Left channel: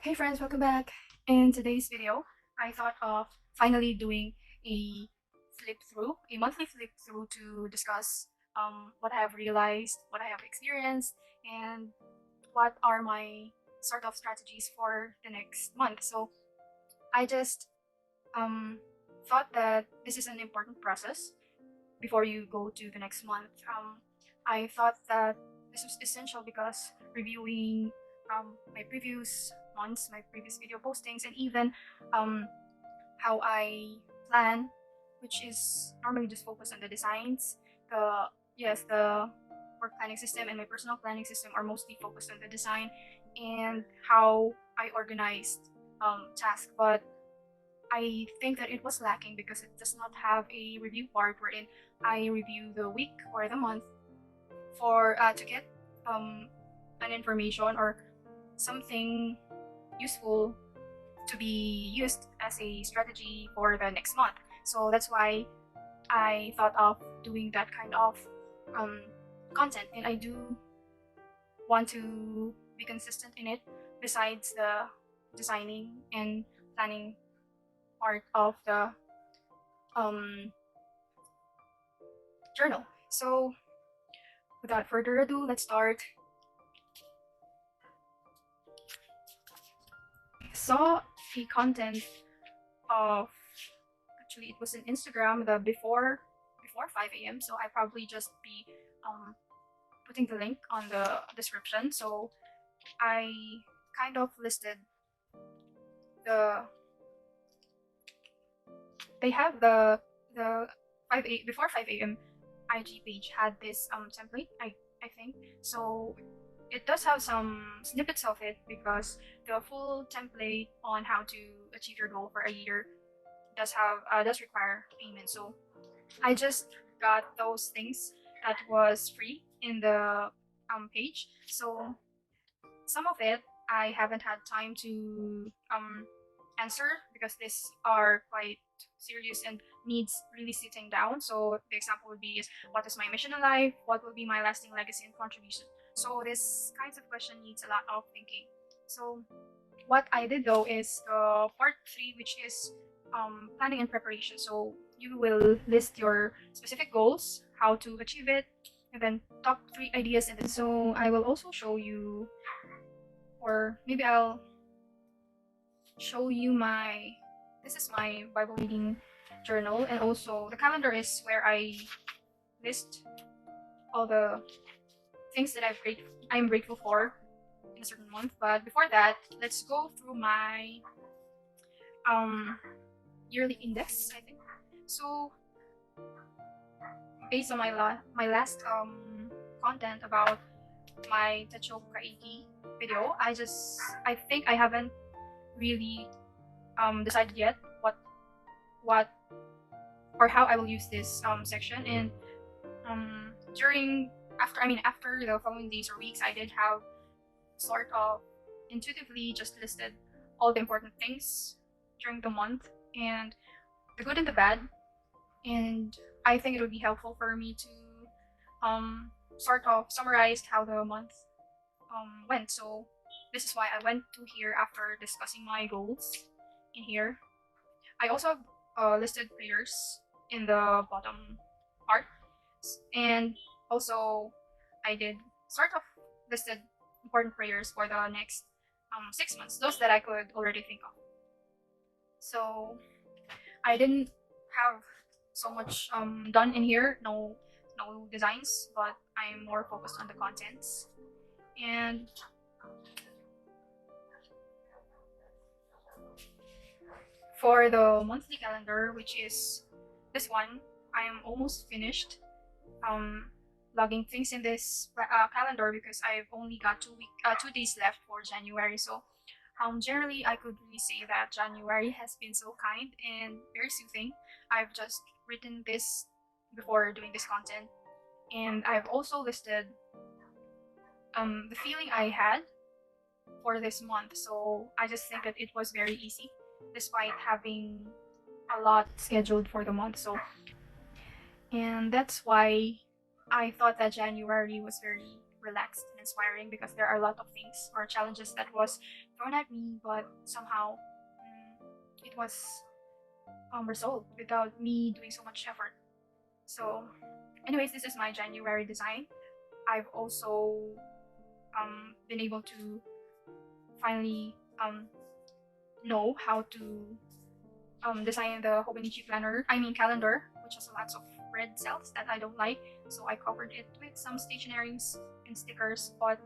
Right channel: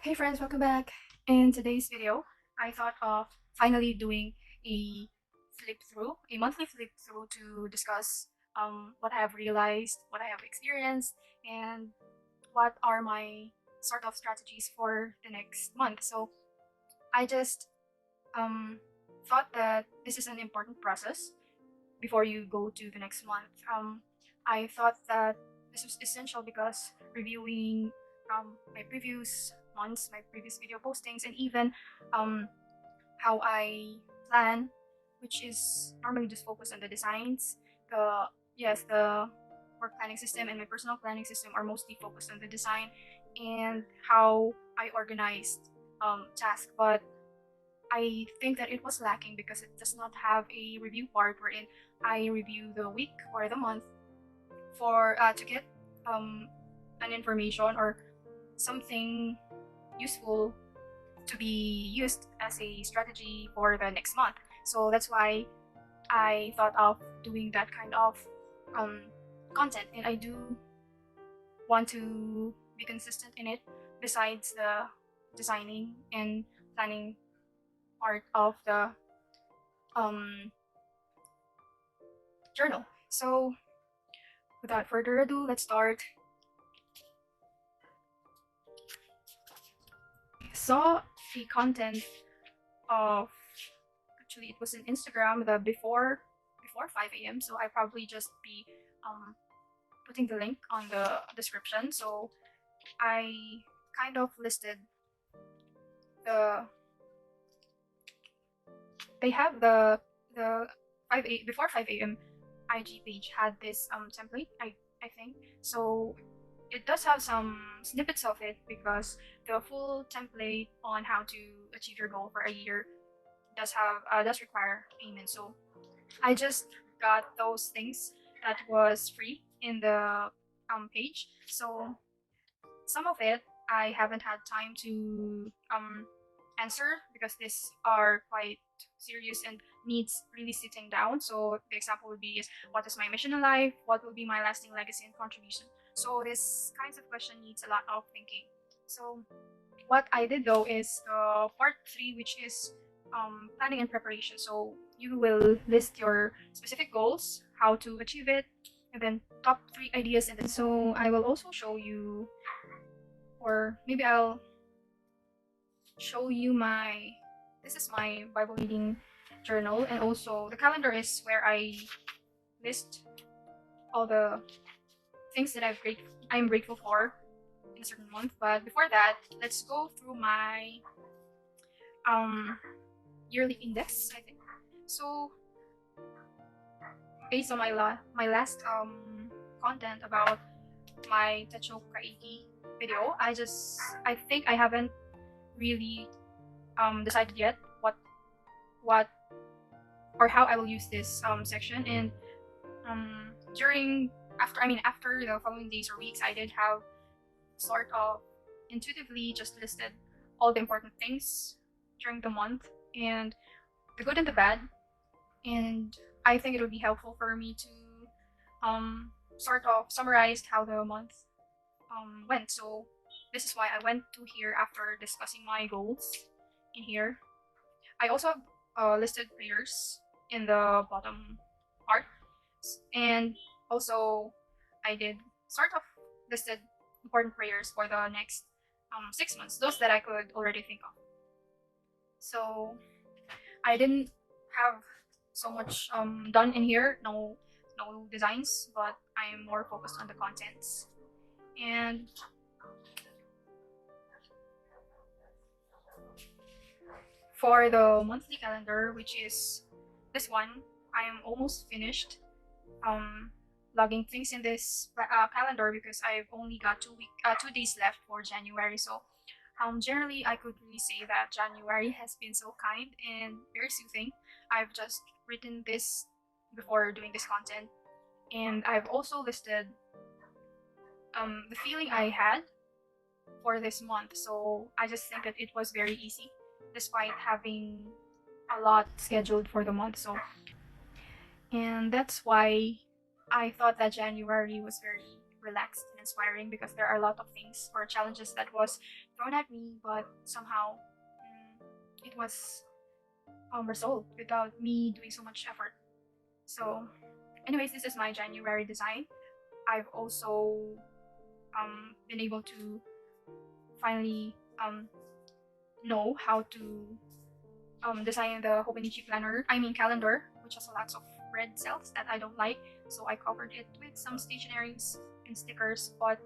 Hey friends, welcome back. In today's video, I thought of finally doing a a monthly flip through to discuss what I have realized, what I have experienced, and what are my sort of strategies for the next month. So I just um, thought that this is an important process before you go to the next month. I thought that this was essential because reviewing my previous months, my previous video postings, and even um, how I plan, which is normally just focused on the designs. The yes, the work planning system and my personal planning system are mostly focused on the design and how I organized tasks. But I think that it was lacking because it does not have a review part wherein I review the week or the month for to get um, an information or something useful to be used as a strategy for the next month. So that's why I thought of doing that kind of um, content, and I do want to be consistent in it. Besides the designing and planning part of the um, journal. So without further ado, let's start. I saw the content of actually it was in Instagram the before 5 a.m. So I probably just be putting the link on the description. So I kind of listed the they have the 5 a.m. IG page had this template. I think so. It does have some snippets of it because the full template on how to achieve your goal for a year does require payment. So I just got those things that was free in the page. So some of it I haven't had time to answer because these are quite serious and needs really sitting down. So the example would be is what is my mission in life? What will be my lasting legacy and contribution? So this kinds of question needs a lot of thinking. So what I did though is part three, which is planning and preparation. So you will list your specific goals, how to achieve it, and then top three ideas. And then so I will also show you, or maybe I'll show you my. This is my Bible reading journal, and also the calendar is where I list all the things that I am grateful for in a certain month. But before that, let's go through my um yearly index, I think. So based on my last content about my Techo Kaigi video, I think I haven't really decided yet what or how I will use this section. And during after the following days or weeks, I did have sort of intuitively just listed all the important things during the month and the good and the bad. And I think it would be helpful for me to sort of summarize how the month went. So this is why I went to here after discussing my goals in here. I also listed prayers in the bottom part, and also I did sort of listed important prayers for the next 6 months, those that I could already think of. So I didn't have so much done in here, no designs, but I'm more focused on the contents. And for the monthly calendar, which is this one, I am almost finished um, logging things in this calendar because I've only got 2 days left for January. So generally, I could really say that January has been so kind and very soothing. I've just written this before doing this content, and I've also listed the feeling I had for this month. So I just think that it was very easy, despite having a lot scheduled for the month. And that's why I thought that January was very relaxed and inspiring because there are a lot of things or challenges that was thrown at me, but somehow it was resolved without me doing so much effort. So, anyways, this is my January design. I've also been able to finally know how to design the Hobonichi planner, calendar, which has lots of red cells that I don't like. So I covered it with some stationaries and stickers, but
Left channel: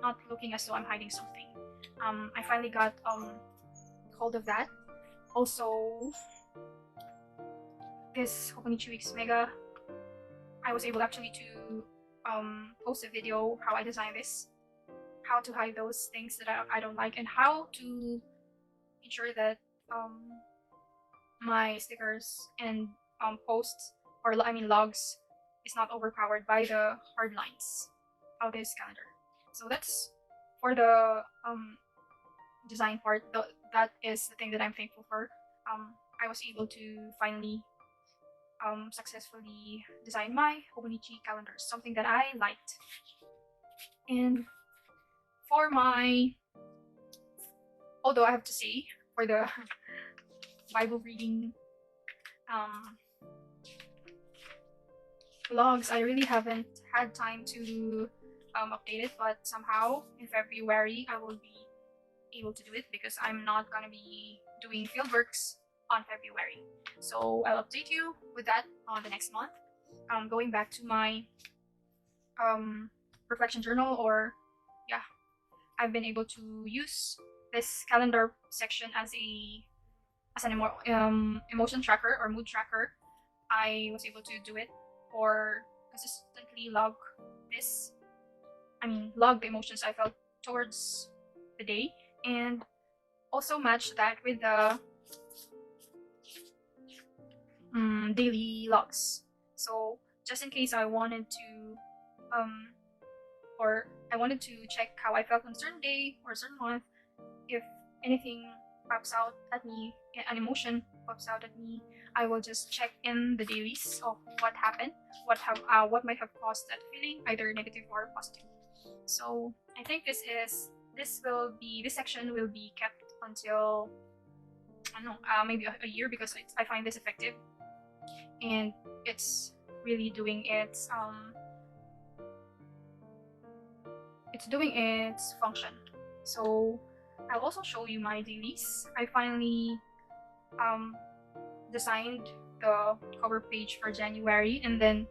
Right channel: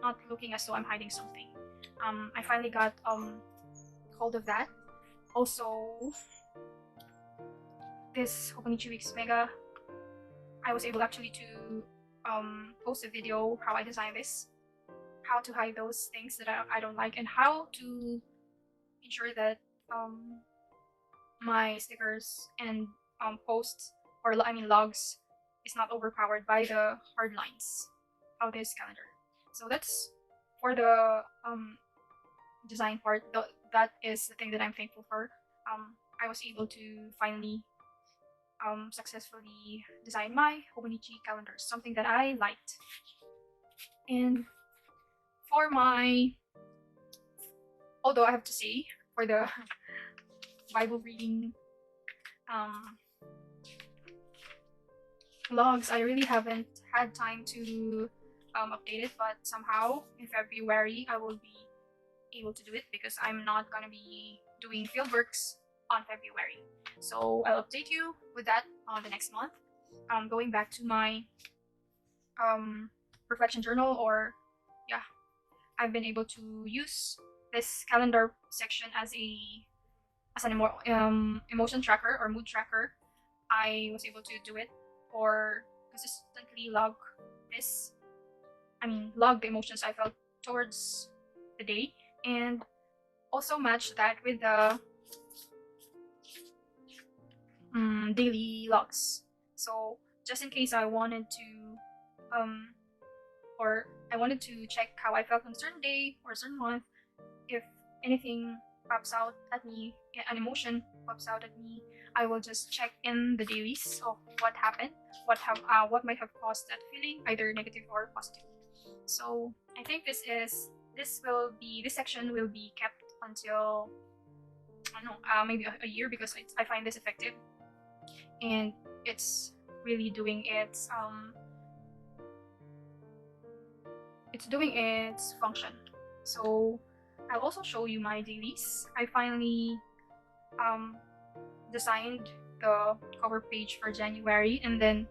not looking as though I'm hiding something. I finally got hold of that. Also, this Hobonichi Weeks Mega, I was able actually to post a video how I designed this, how to hide those things that I don't like, and how to ensure that my stickers and posts or logs is not overpowered by the hard lines of this calendar. So that's for the design part. That is the thing that I'm thankful for. I was able to finally successfully design my Hobonichi calendars, something that I liked. And for my, although I have to say, for the Bible reading vlogs, I really haven't had time to update it, but somehow in February I will be able to do it because I'm not gonna be doing fieldworks on February. So I'll update you with that on the next month. Going back to my reflection journal, or yeah, I've been able to use this calendar section as an emotion tracker or mood tracker. I was able to do it or consistently this log the emotions I felt towards the day, and also match that with the daily logs. So just in case I wanted to check how I felt on a certain day or a certain month, if anything pops out at me, an emotion pops out at me, I will just check in the dailies of what happened, what might have caused that feeling, either negative or positive. So I think this section will be kept until, I don't know, maybe a year, because I find this effective and it's really doing its function. So I'll also show you my dailies. I finally designed the cover page for January, and then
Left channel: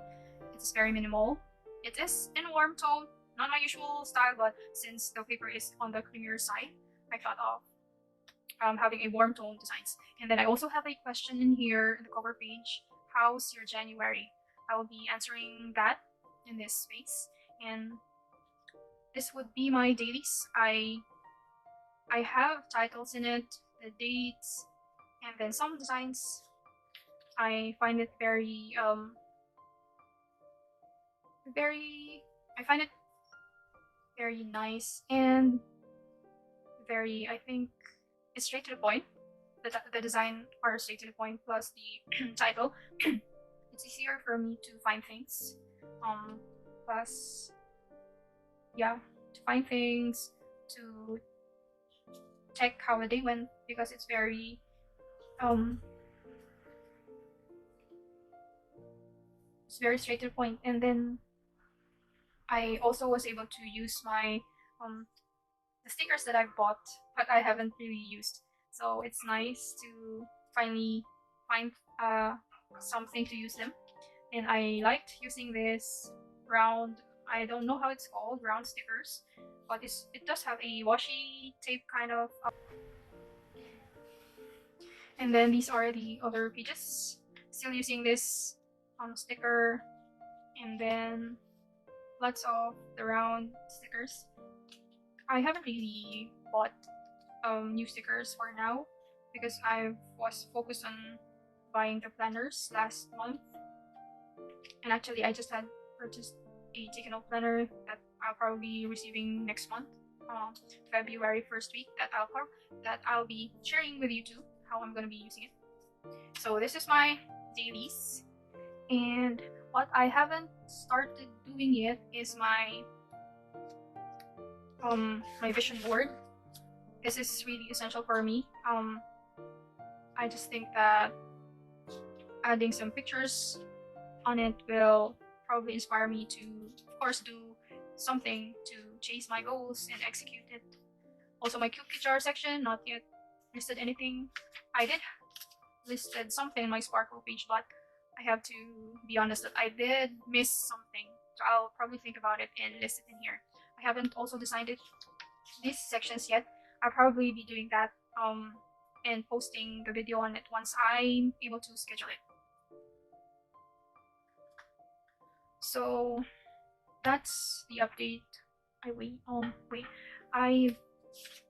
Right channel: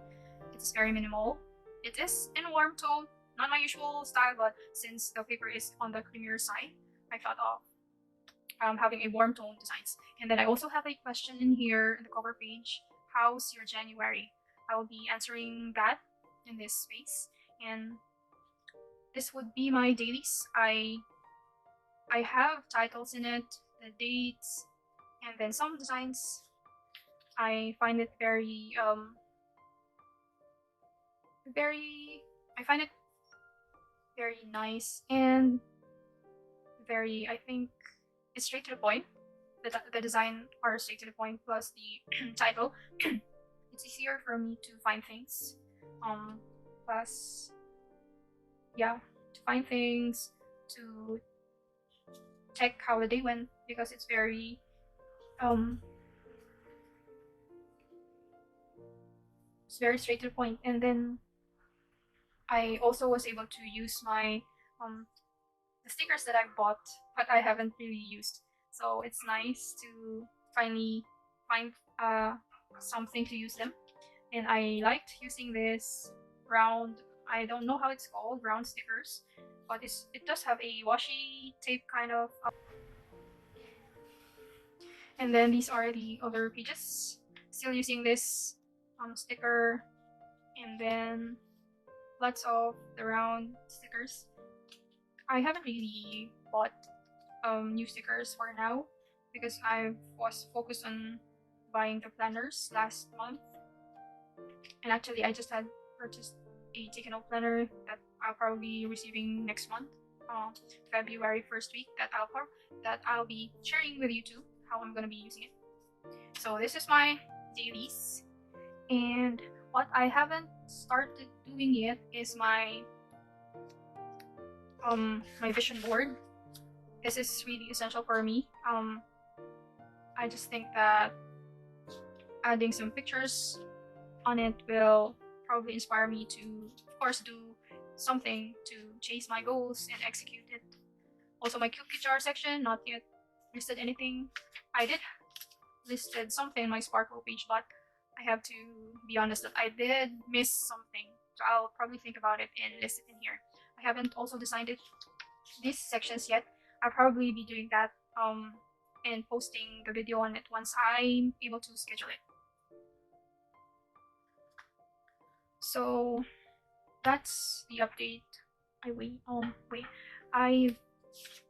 it is very minimal. It is in warm tone, not my usual style, but since the paper is on the creamier side, I thought of having a warm tone designs. And then I also have a question in here in the cover page: how's your January? I will be answering that in this space, and this would be my dailies. I have titles in it, the dates, and then some designs. I find it I find it very nice and very, I think, it's straight to the point. The design are straight to the point, plus the title. It's easier for me to find things. Plus, yeah, to find things, to check how the day went, because it's very straight to the point. And then I also was able to use my the stickers that I've bought but I haven't really used. So it's nice to finally find something to use them. And I liked using this round, I don't know how it's called, round stickers, but it does have a washi tape kind of. And then these are the other pages. Still using this sticker, and then lots of the round stickers. I haven't really bought new stickers for now because I was focused on buying the planners last month, and actually I just had purchased a take a note planner that I'll probably be receiving next month, February 1st week, that I'll be sharing with you too how I'm gonna be using it. So this is my dailies, and what I haven't started doing yet is my my vision board. This is really essential for me. I just think that adding some pictures on it will probably inspire me to, of course, do something to chase my goals and execute it. Also, my cute picture section, not yet listed anything. I did listed something on my Sparkle page, but I have to be honest that I did miss something. So I'll probably think about it and list it in here. I haven't also designed it these sections yet. I'll probably be doing that and posting the video on it once I'm able to schedule it. So that's the update. I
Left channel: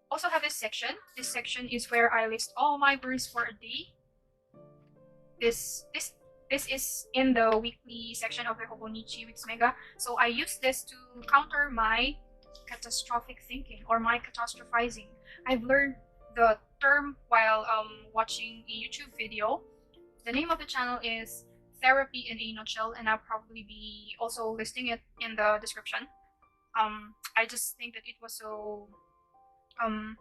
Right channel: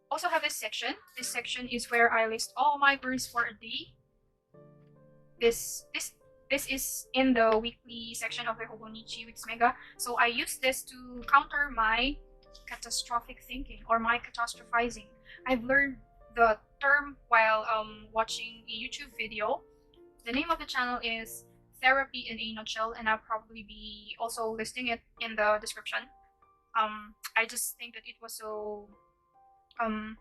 also have this section. This section is where I list all my worries for a day. This is in the weekly section of the Hobonichi Weeks Mega. So I use this to counter my catastrophic thinking or my catastrophizing. I've learned the term while watching a YouTube video. The name of the channel is Therapy in a Nutshell, and I'll probably be also listing it in the description. I just think that it was so it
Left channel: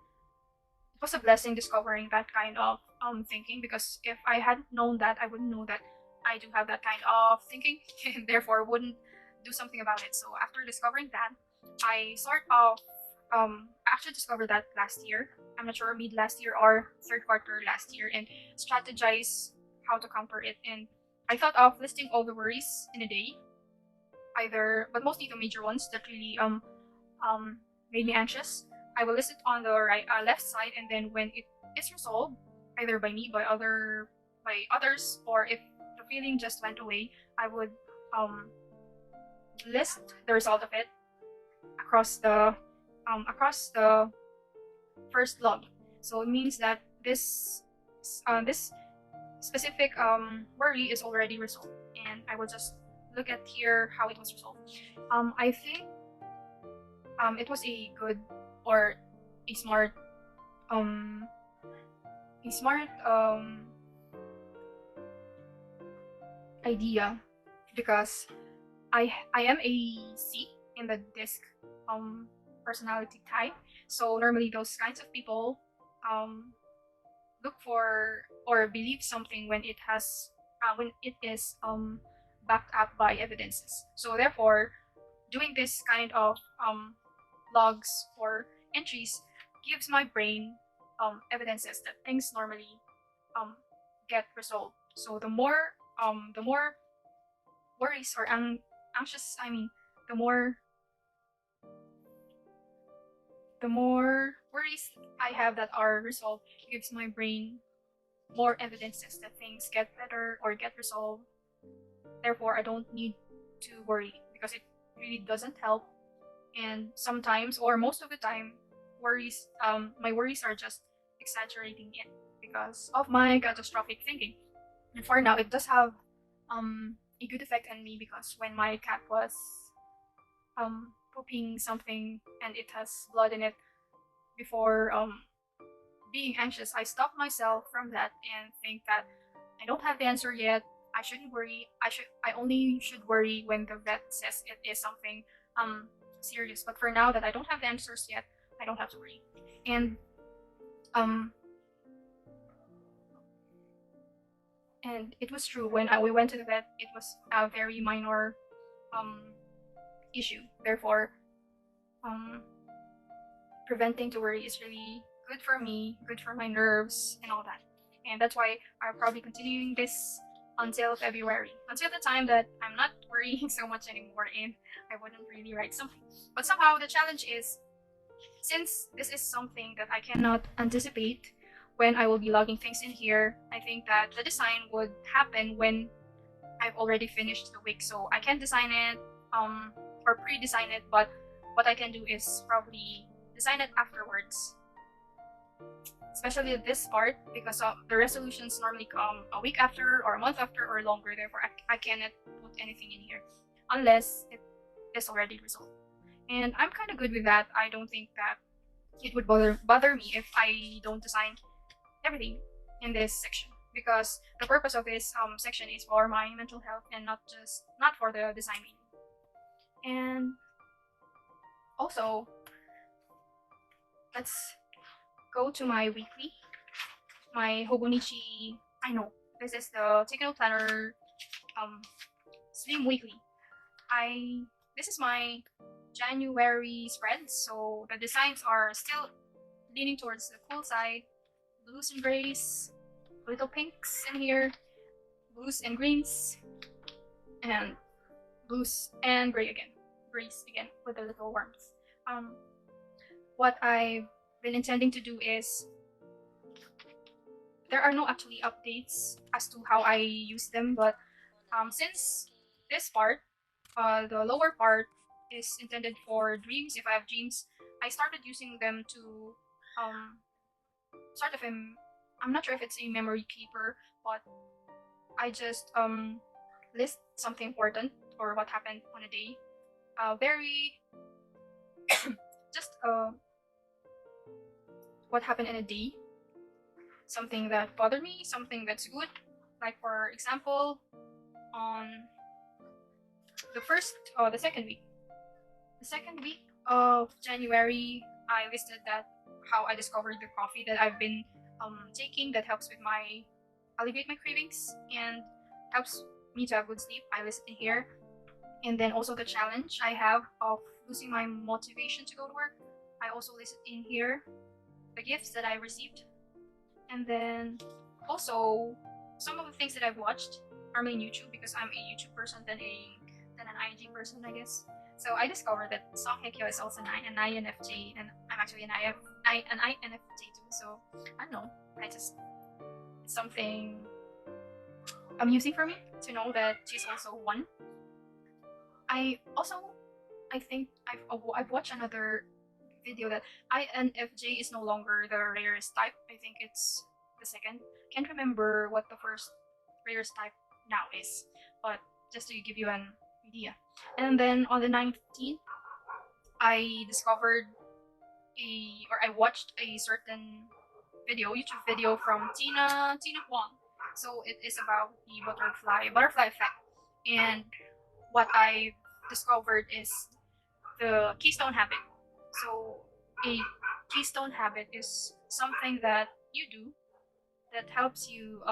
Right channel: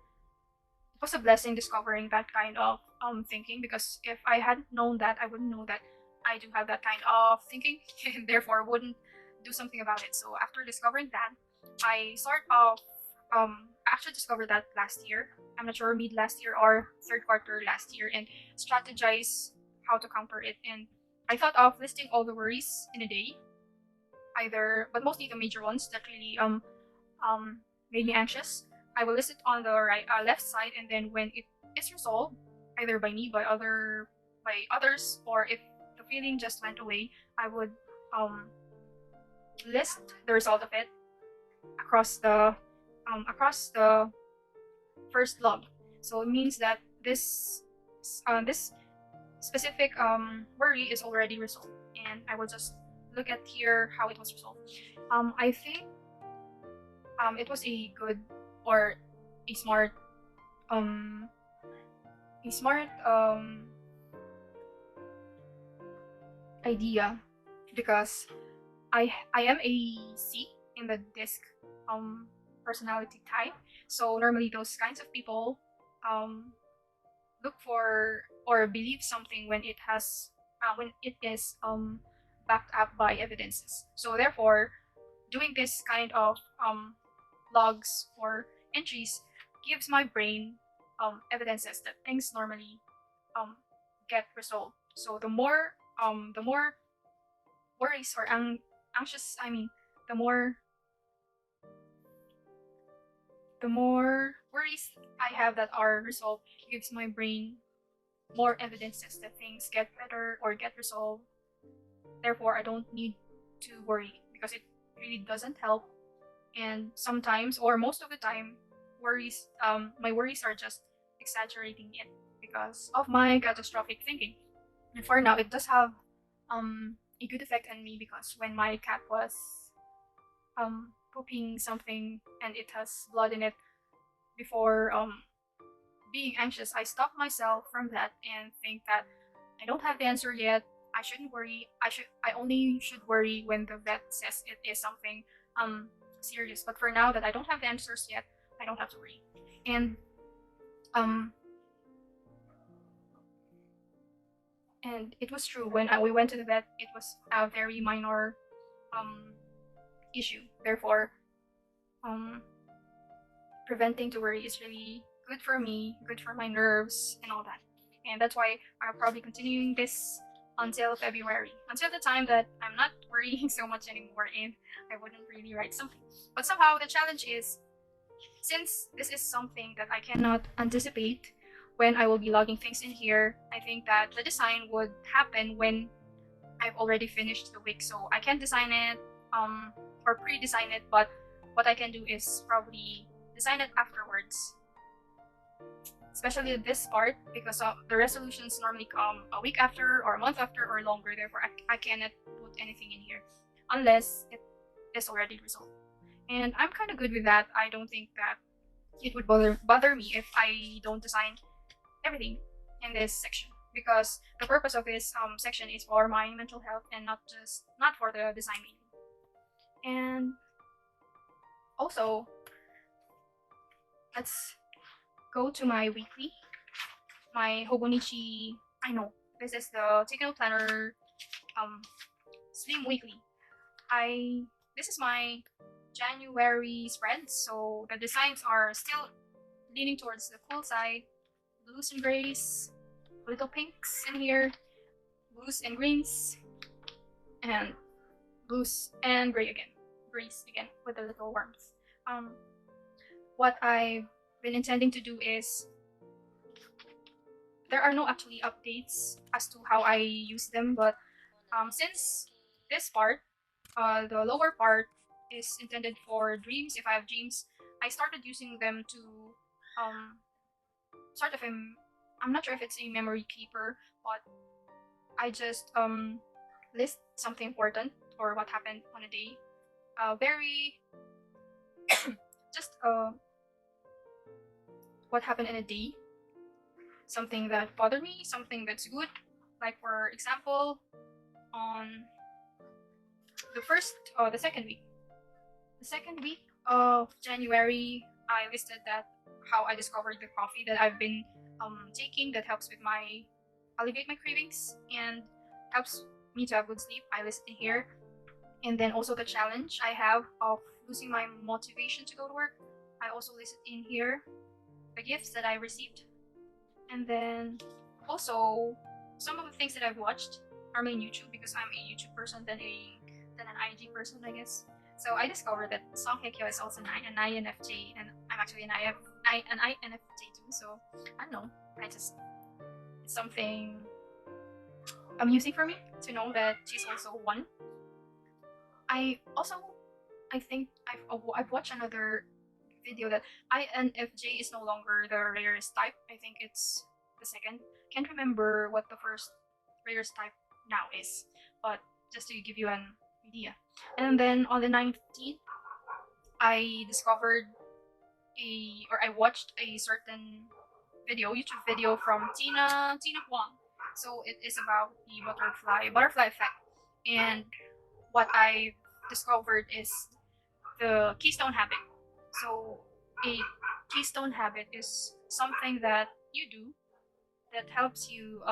was a blessing discovering that kind of thinking, because if I hadn't known that, I wouldn't know that I do have that kind of thinking and therefore wouldn't do something about it. So after discovering that, I sort of after discovered that last year, I'm not sure, mid last year or third quarter last year, and strategize how to counter it. And I thought of listing all the worries in a day, but mostly the major ones that really made me anxious. I will list it on the left side, and then when it is resolved, either by me, by others, or if the feeling just went away, I would list the result of it across the first log. So it means that this specific worry is already resolved, and I will just look at here how it was resolved. I think it was a good or a smart idea, because I am a C in the disc personality type. So normally those kinds of people look for or believe something when it is backed up by evidences. So therefore, doing this kind of logs or entries gives my brain evidences that things normally get resolved. So the more worries or anxious, the more worries I have that are resolved gives my brain more evidences that things get better or get resolved. Therefore, I don't need to worry, because it really doesn't help. And sometimes, or most of the time, my worries are just exaggerating it because of my catastrophic thinking. And for now, it does have a good effect on me, because when my cat was pooping something and it has blood in it, before being anxious, I stopped myself from that and think that I don't have the answer yet. I shouldn't worry. I only should worry when the vet says it is something serious. But for now that I don't have the answers yet, I don't have to worry. And it was true, when we went to the vet, it was a very minor issue. Therefore, preventing to worry is really good for me, good for my nerves and all that. And that's why I'll probably continuing this until February, until the time that I'm not worrying so much anymore and I wouldn't really write something. But somehow the challenge is, since this is something that I cannot anticipate when I will be logging things in here, I think that the design would happen when I've already finished the week. So I can design it or pre-design it, but what I can do is probably design it afterwards, especially this part, because the resolutions normally come a week after or a month after or longer. Therefore, I cannot put anything in here unless it is already resolved. And I'm kind of good with that. I don't think that it would bother me if I don't design everything in this section, because the purpose of this section is for my mental health and not for the designing. And also, let's go to my weekly, my Hobonichi. I know this is the Takeout Planner Slim Weekly. I This is my January spread, so the designs are still leaning towards the cool side. Blues and grays, little pinks in here, blues and greens, and blues and gray again, grays again with a little warmth. Um, what I've been intending to do is there are no actually updates as to how I use them, but since this part, the lower part is intended for dreams. If I have dreams, I started using them to um, sort of I'm not sure if it's a memory keeper, but I just list something important or what happened on a day. Very just what happened in a day, something that bothered me, something that's good. Like for example, on the second week of January, I listed that how I discovered the coffee that I've been taking that helps with my alleviate my cravings and helps me to have good sleep. I listed in here, and then also the challenge I have of losing my motivation to go to work. I also listed in here the gifts that I received, and then also some of the things that I've watched are my YouTube because I'm a YouTube person than an IG person, I guess. So I discovered that Song Hye Kyo is also an INFJ, and I'm actually an INFJ too. So I don't know. I just it's something amusing for me to know that she's also one. I also I think I've watched another video that INFJ is no longer the rarest type. I think it's the second. Can't remember what the first rarest type now is, but just to give you an idea. And then on the 19th, I discovered I watched a certain YouTube video from Tina Huang. So it is about the butterfly effect, and what I discovered is the Keystone habit. So a Keystone habit is something that you do that helps you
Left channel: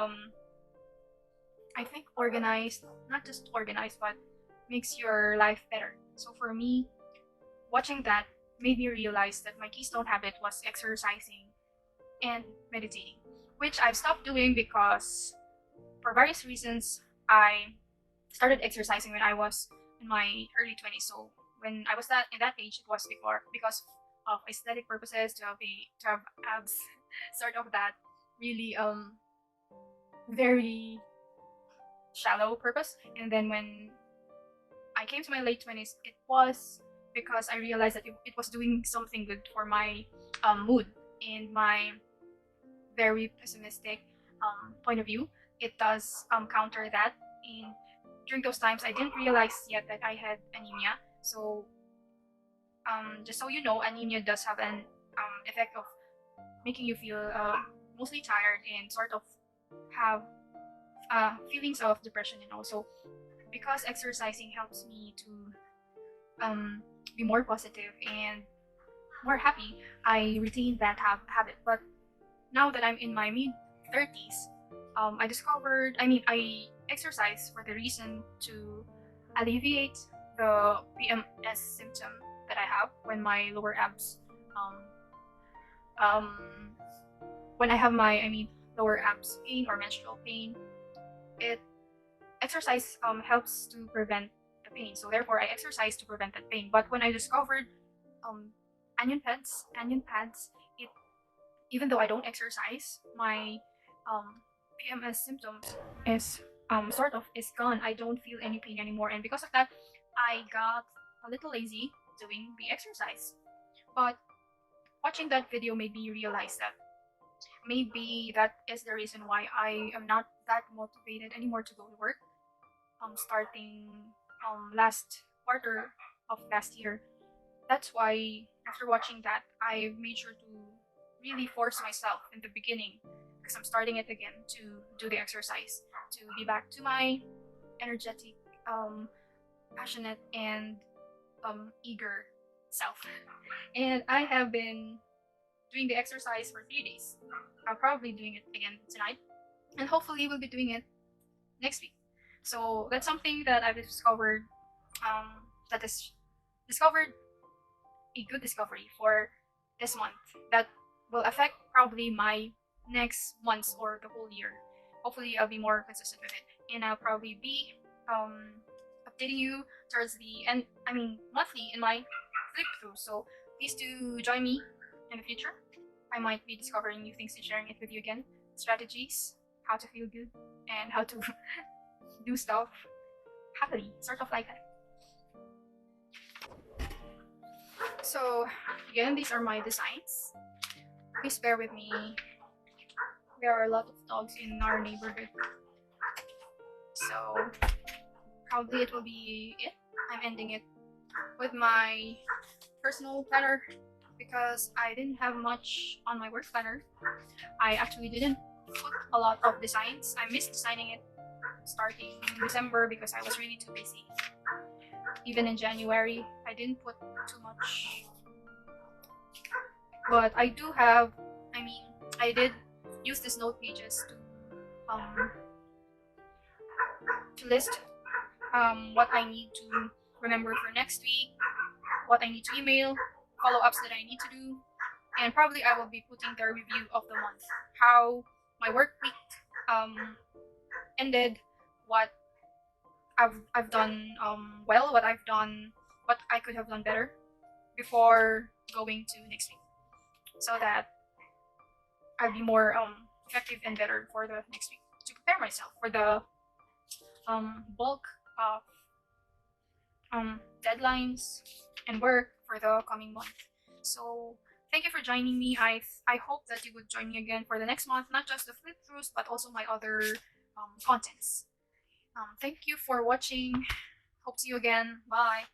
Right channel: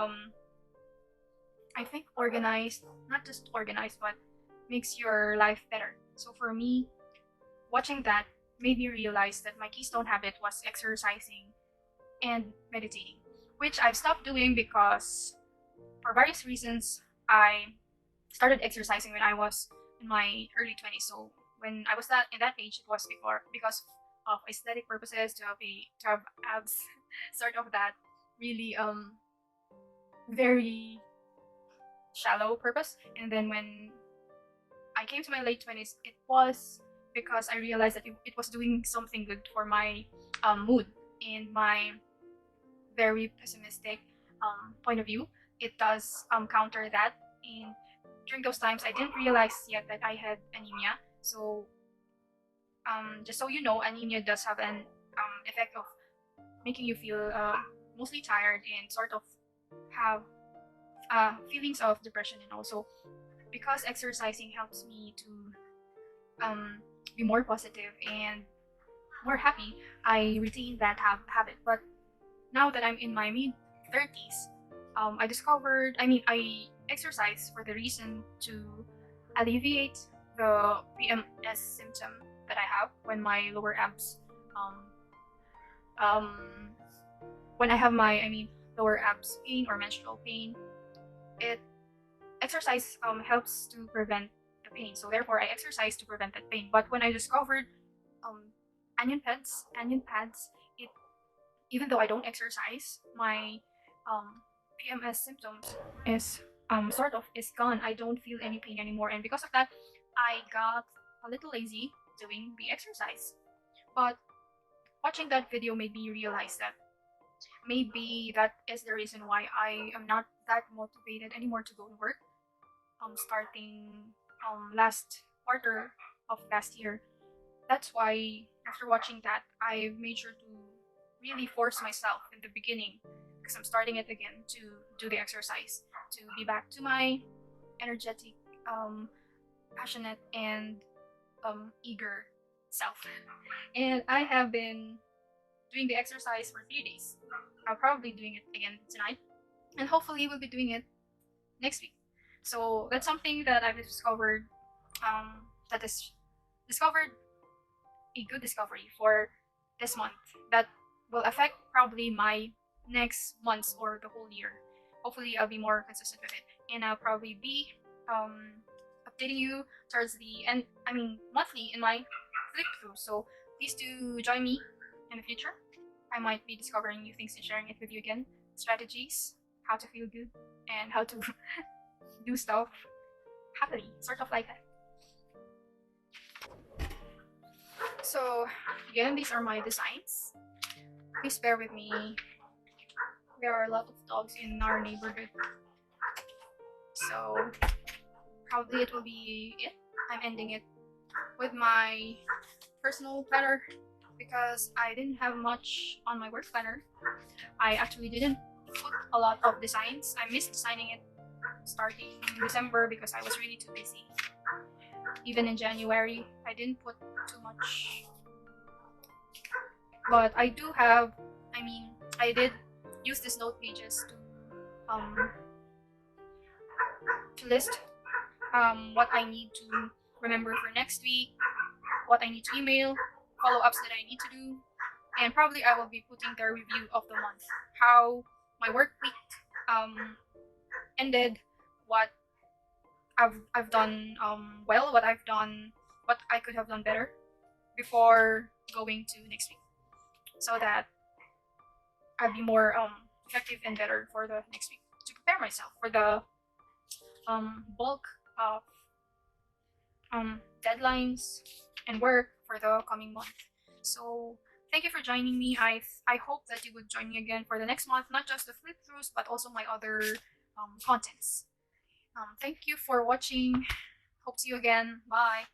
I think organize, not just organize, but makes your life better. So for me, watching that made me realize that my Keystone habit was exercising and meditating, which I've stopped doing because for various reasons I started exercising when I was in my early 20s. So when I was that in that age, it was because of aesthetic purposes to have abs, sort of that really very shallow purpose. And then when I came to my late 20s, it was because I realized that it was doing something good for my mood and my very pessimistic point of view. It does counter that. And during those times, I didn't realize yet that I had anemia. So just so you know, anemia does have an effect of making you feel mostly tired and sort of have feelings of depression. And also because exercising helps me to be more positive and more happy, I retain that habit. But now that I'm in my mid 30s, I exercise for the reason to alleviate the PMS symptom that I have when my lower abs, um, um, when I have lower abs pain or menstrual pain. It exercise helps to prevent the pain. So therefore, I exercise to prevent that pain. But when I discovered um, onion pads, it even though I don't exercise, my PMS symptoms is sort of is gone. I don't feel any pain anymore, and because of that, I got a little lazy doing the exercise. But watching that video made me realize that maybe that is the reason why I am not that motivated anymore to go to work. Starting last quarter of last year. That's why after watching that, I made sure to really force myself in the beginning because I'm starting it again to do the exercise to be back to my energetic, passionate, and eager self. And I have been doing the exercise for 3 days. I'll probably doing it again tonight, and hopefully we'll be doing it next week. So that's something that I've discovered. That is discovered a good discovery for this month that will affect probably my next months or the whole year. Hopefully, I'll be more consistent with it, and I'll probably be updating you towards the end. I mean, monthly in my flip through. So please do join me in the future. I might be discovering new things and sharing it with you again. Strategies, how to feel good, and how to do stuff happily, sort of like that. So again, these are my designs. Please bear with me. There are a lot of dogs in our neighborhood. So probably it will be it. I'm ending it with my personal planner because I didn't have much on my work planner. I actually didn't put a lot of designs. I missed designing it starting in December because I was really too busy. Even in January, I didn't put too much. But I do have, I did use these note pages to list what I need to remember for next week, what I need to email, follow-ups that I need to do, and probably I will be putting the review of the month, how my work week ended, what I've done well, what I've done, what I could have done better before going to next week, so that I'll be more effective and better for the next week to prepare myself for the bulk of deadlines and work for the coming month. So thank you for joining me. I hope that you would join me again for the next month, not just the flip throughs, but also my other contents. Thank you for watching. Hope to see you again. Bye.